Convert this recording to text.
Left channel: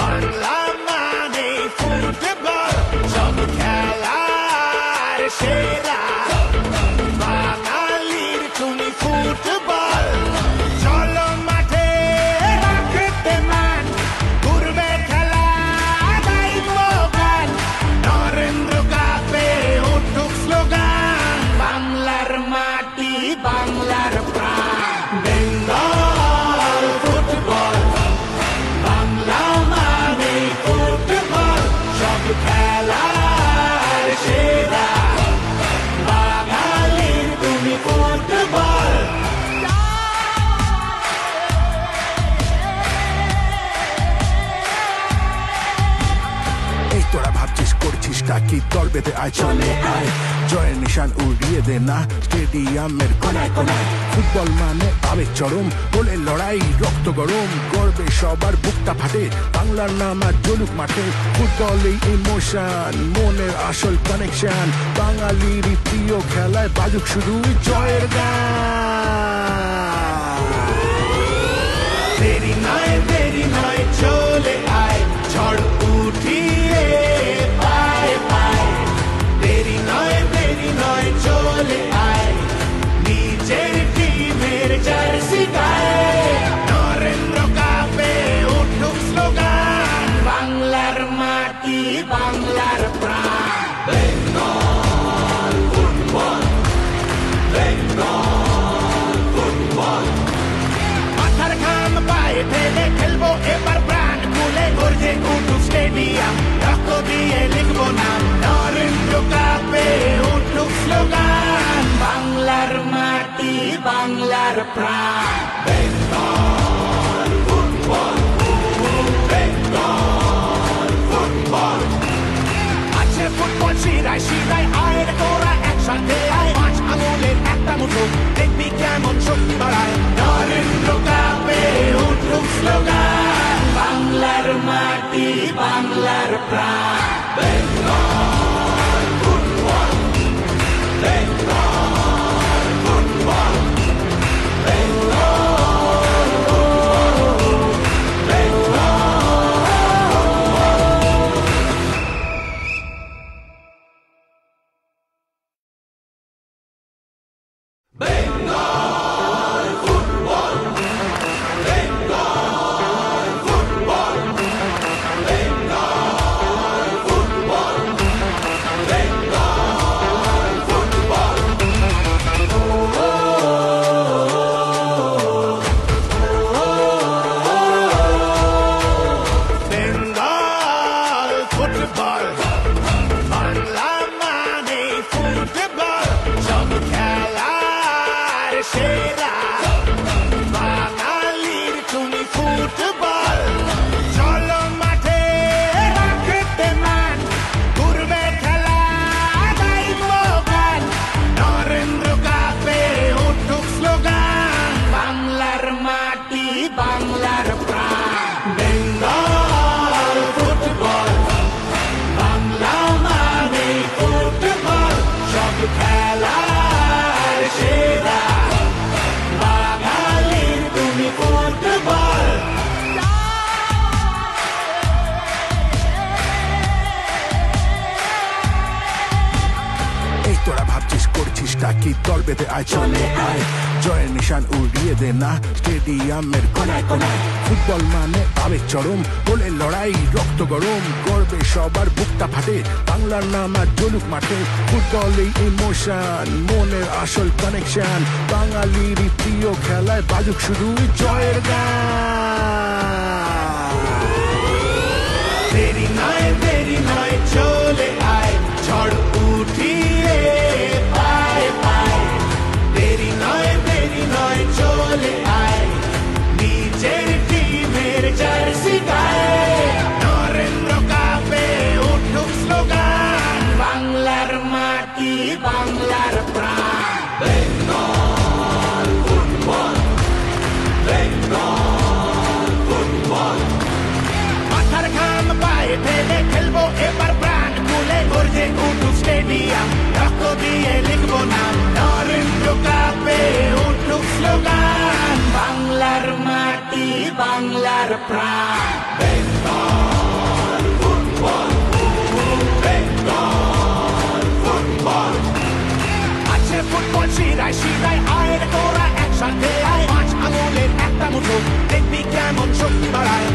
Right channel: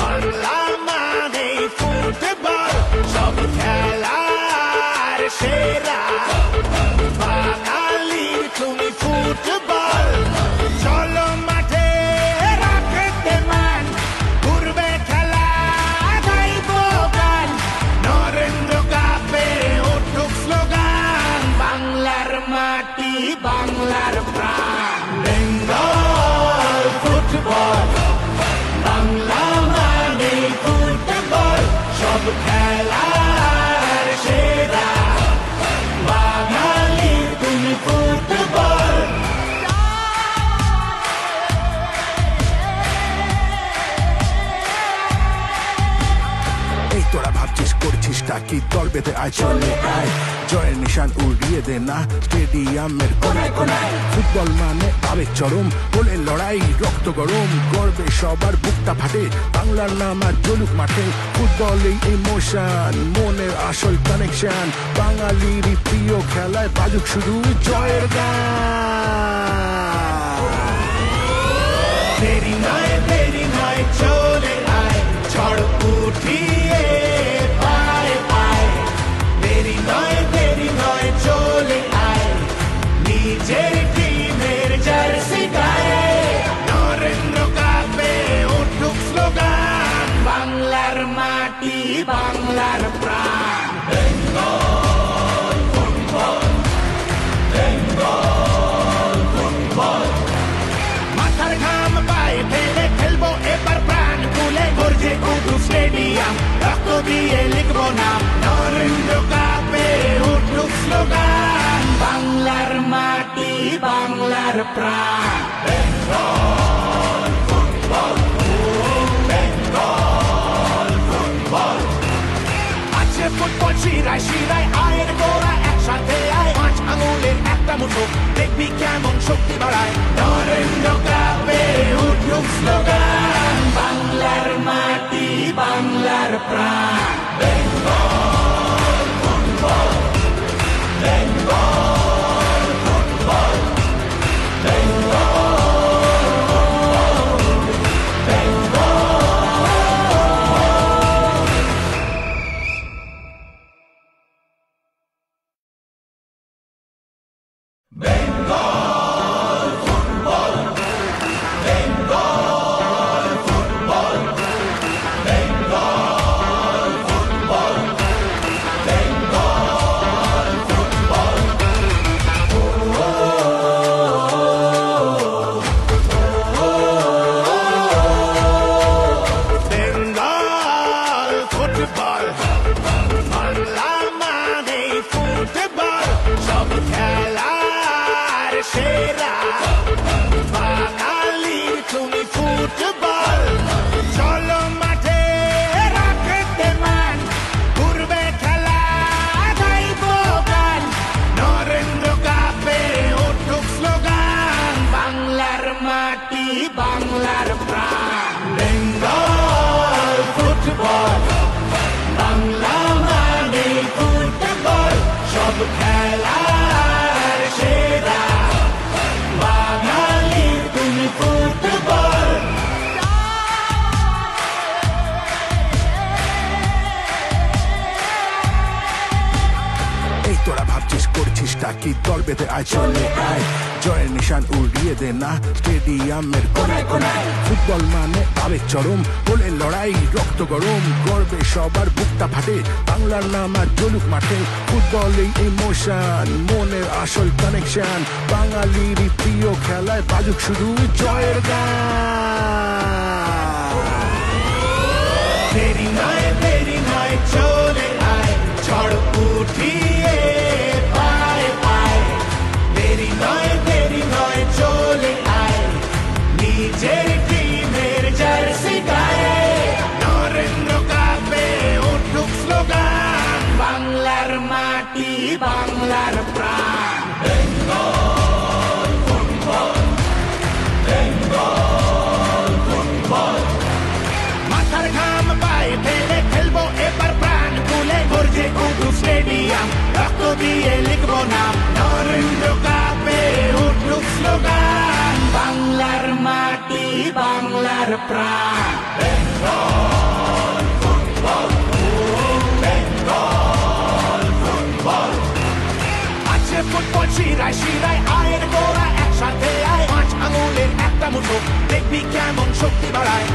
বাংলা মানে ফুটবল, সব খেলার সেরা বাঙালির তুমি ফুটবল। চলো মাঠে রাখতে মান, ঘুরবে খেলা গাইব গান, নরেন্দ্র কাপে উঠুক স্লোগান, বাংলার মাটি বাংলার প্রাণ। বেঙ্গল ফুটবল, বাংলা মানে ফুটবল, সব খেলার সেরা বাঙালির তুমি ফুটবল। এই তোরা ভাবছিস করছিসটা কি, দল বেঁধে আয় চলে আয়, জয়ের নিশান উড়িয়ে দে না স্টেডিয়ামের কোনায় কোনায়। ফুটবল মানে আবেগ চরম, গোলের লড়াই রক্ত গরম, করবে সবার বুকটা ফাটে, বাংলার নাম আর জ্বলুক মাঠে। ফুটবল এই ইমোশন, মনের আসল কানেকশন, বাঙালির প্রিয় খেলায় বাজুক শুধু জয়ের গান। দেরি নয় চলে আয়, ঝড় উঠিয়ে পায় পায়। দেরি নয় চলে আয়, নিজের টিমের জার্সি গায়ে, নরেন্দ্র কাপে উঠুক স্লোগান, বাংলার মাটি বাংলার প্রাণ। বেঙ্গল ফুটবল, বেঙ্গল ফুটবল, মাথার ঘাম পায়ে ফেলে খেলবো এবার প্রাণ খুলে, গর্জে উঠুক স্টেডিয়াম, রক্ত দিয়ে লিখবো নাম, নরেন্দ্র কাপে উঠুক স্লোগান, বাংলার মাটি বাংলার প্রাণ। বেঙ্গল ফুটবল, বেঙ্গল ফুটবল, আছে ফুটবল শিরায় শিরায়, আয়ের গোড়া একসাথে আয়, পাঁচ আঙুলের একটা মুঠো, দেখবি কেমন শক্তি বাড়ায়, নরেন্দ্র কাপে উঠুক স্লোগান, বাংলার মাটি বাংলার প্রাণ। Bengal football, Bengal football, Bengal Bengal football, Bengal football, Bengal football, Bengal football. Bengal football, Bangla মানে ফুটবল, সব খেলার সেরা বাঙালির তুমি ফুটবল। চলো মাঠে রাখতে মান, ঘুরবে খেলা গাইব গান, নরেন্দ্র কাপে উঠুক স্লোগান, বাংলার মাটি বাংলার প্রাণ। বেঙ্গল ফুটবল, বাংলা মানে ফুটবল, সব খেলার সেরা বাঙালির তুমি ফুটবল। এই তোরা ভাবছিস করছিসটা কি, দল বেঁধে আয় চলে আয়, জয়ের নিশান উড়িয়ে দে না স্টেডিয়ামের কোনায় কোনায়। ফুটবল মানে আবেগ চরম, গোলের লড়াই রক্ত গরম, করবে সবার বুকটা ফাটে, বাংলার নাম আর জ্বলুক মাঠে। ফুটবল এই ইমোশন, মনের আসল কানেকশন, বাঙালির প্রিয় খেলায় বাজুক শুধু জয়ের গান। দেরি নয় চলে আয়, ঝড় উঠিয়ে পায় পায়। দেরি নয় চলে আয়, নিজের টিমের জার্সি গায়ে, নরেন্দ্র কাপে উঠুক স্লোগান, বাংলার মাটি বাংলার প্রাণ। বেঙ্গল ফুটবল, বেঙ্গল ফুটবল, মাথার ঘাম পায়ে ফেলে খেলবো এবার প্রাণ খুলে, গর্জে উঠুক স্টেডিয়াম, রক্ত দিয়ে লিখবো নাম, নরেন্দ্র কাপে উঠুক স্লোগান, বাংলার মাটি বাংলার প্রাণ আছে ফুটবল শিরায় শিরায় আয়ের গোড়া একসাথে আয় 5 আঙুলের একটা মুঠো দেখবি কেমন শক্তি বাড়ায়